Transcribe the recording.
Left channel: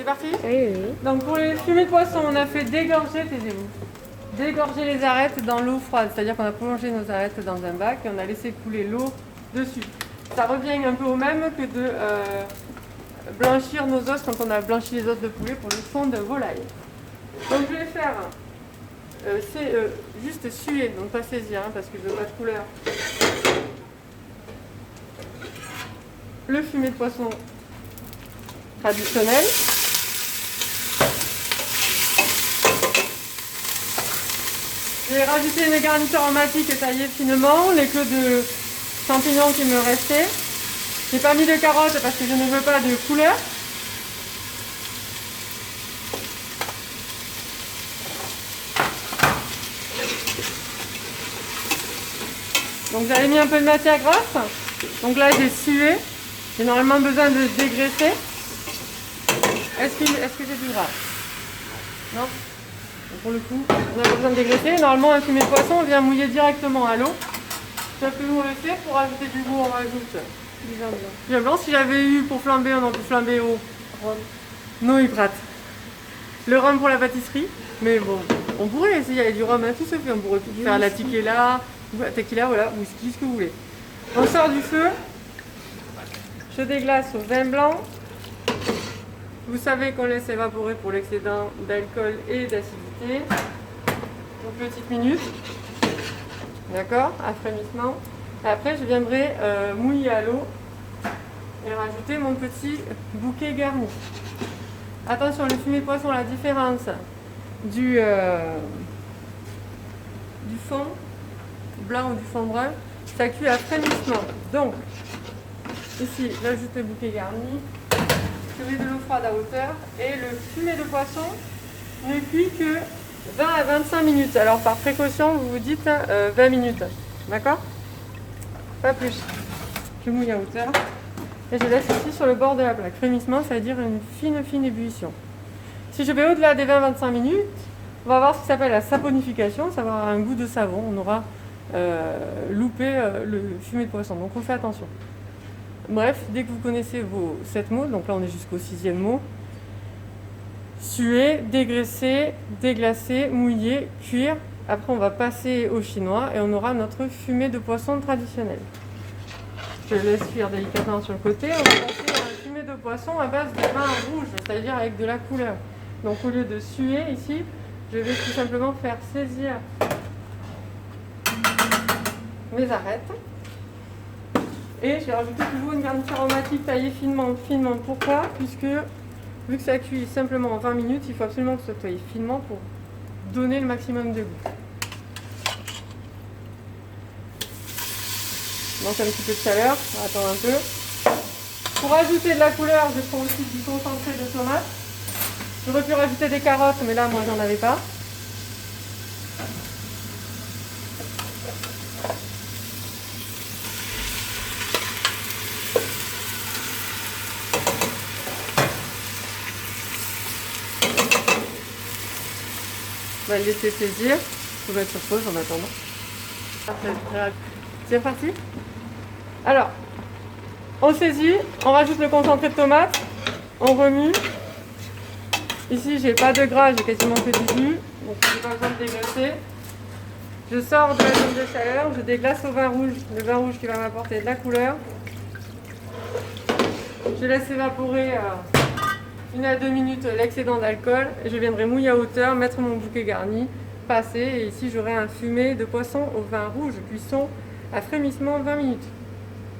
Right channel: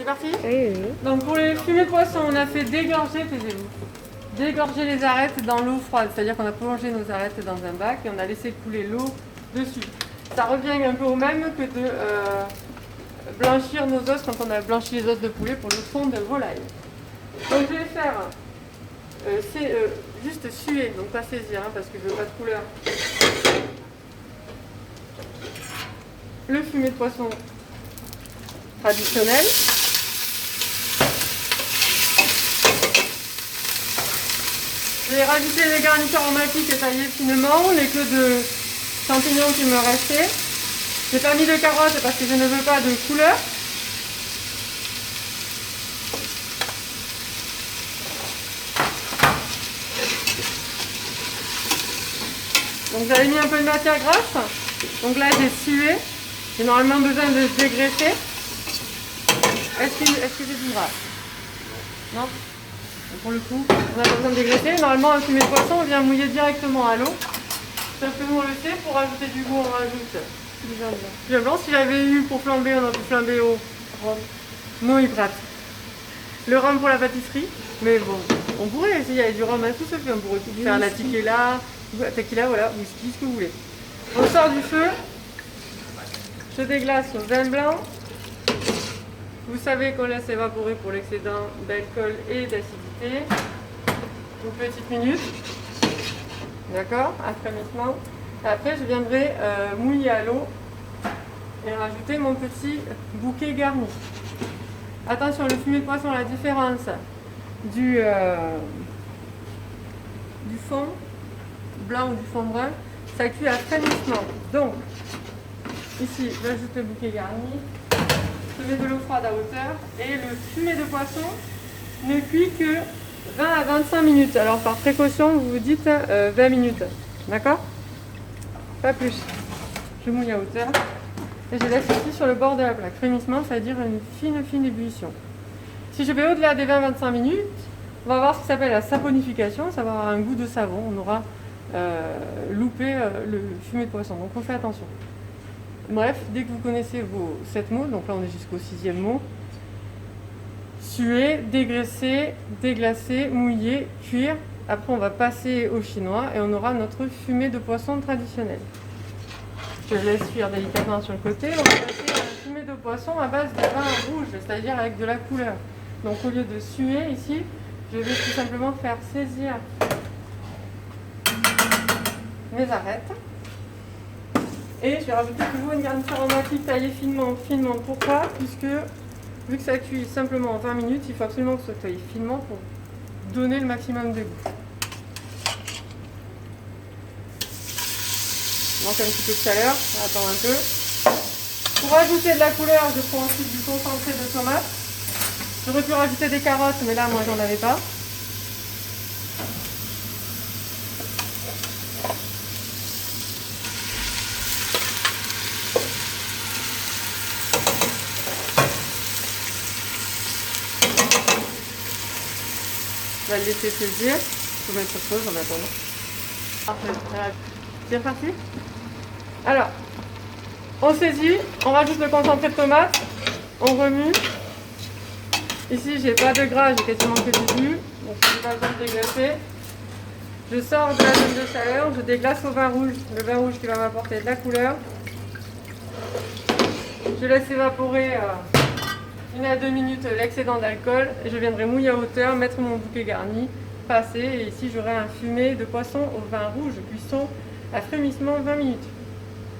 C'est parti? Oui, oui. Donc pour les fumées de poisson, on a fait dégorger, taisez-vous. Dégorger les arêtes dans l'eau froide, c'est-à-dire qu'on a plongé nos arêtes dans un bac et on a laissé couler l'eau dessus. Ça revient un peu au même que de blanchir nos os quand on a blanchi les os de poulet pour le fond de volaille. Donc je vais faire, c'est juste suer, donc pas saisir parce que je veux pas de couleur. Le fumet de poisson traditionnel. J'ai rajouté les garnitures aromatiques taillées finement, les queues de champignons qui me restaient. J'ai pas mis de carottes parce que je ne veux pas de couleur. Donc j'avais mis un peu de matière grasse. Donc là j'ai sué. J'ai normalement besoin de dégraisser. Est-ce que c'est du gras? Non. Donc pour le coup, on a besoin de dégraisser. Normalement un fumet de poisson, on vient mouiller directement à l'eau. Sauf que nous on le fait pour ajouter du goût, on rajoute du vin blanc. Du vin blanc, si j'avais eu pour flamber, on aurait pu flamber au rhum. Non, hydrate. Le rhum pour la pâtisserie, mais bon, on pourrait, s'il y avait du rhum, tout se fait, on pourrait tout faire, la tequila, voilà, whisky, ce que vous voulez. On sort du feu, je déglace au vin blanc. Vous savez qu'on laisse évaporer pour l'excédent d'alcool et d'acidité. Une petite minute, d'accord, à frémissement. Après, je viendrai mouiller à l'eau et rajouter mon petit bouquet garni. Attention, le fumet de poisson, la différence du fond blanc ou du fond brun, ça cuit à frémissement. Donc, ici, j'ajoute le bouquet garni, je mets de l'eau froide à hauteur et le fumet de poisson ne cuit que 20 à 25 minutes. Alors, par précaution, vous vous dites 20 minutes, d'accord? Pas plus. Je mouille à hauteur. Et je laisse ici sur le bord de la plaque. Frémissement, c'est-à-dire une fine ébullition. Si je vais au-delà des 20-25 minutes, on va voir ce qui s'appelle la saponification. Ça va avoir un goût de savon. On aura loupé le fumet de poisson. Donc on fait attention. Bref, dès que vous connaissez vos 7 mots, donc là on est jusqu'au 6e mot, suer, dégraisser, déglacer, mouiller, cuire. Après on va passer au chinois et on aura notre fumet de poisson traditionnel. Je laisse cuire délicatement sur le côté. On va passer à un fumet de poisson à base de vin rouge, c'est-à-dire avec de la couleur. Donc au lieu de suer ici, je vais tout simplement faire saisir mes arêtes. Et je vais rajouter toujours une garniture aromatique taillée finement. Pourquoi? Puisque vu que ça cuit simplement en 20 minutes, il faut absolument que ça soit taillé finement pour donner le maximum de goût. Donc un petit peu de chaleur, on attend un peu. Pour ajouter de la couleur, je prends aussi du concentré de tomate. J'aurais pu rajouter des carottes, mais là, moi, j'en avais pas. Je vais le laisser saisir. Je vais être sur pause en attendant. C'est parti. Alors, on saisit, on rajoute le concentré de tomate, on remue. Ici, j'ai pas de gras, j'ai quasiment que du jus, donc je n'ai pas besoin de déglacer. Je sors de la zone de chaleur, je déglace au vin rouge, le vin rouge qui va m'apporter de la couleur. Je laisse évaporer 1 à 2 minutes l'excédent d'alcool. Je viendrai mouiller à hauteur, mettre mon bouquet garni, passer, et ici j'aurai un fumet de poisson au vin rouge, cuisson à frémissement 20 minutes.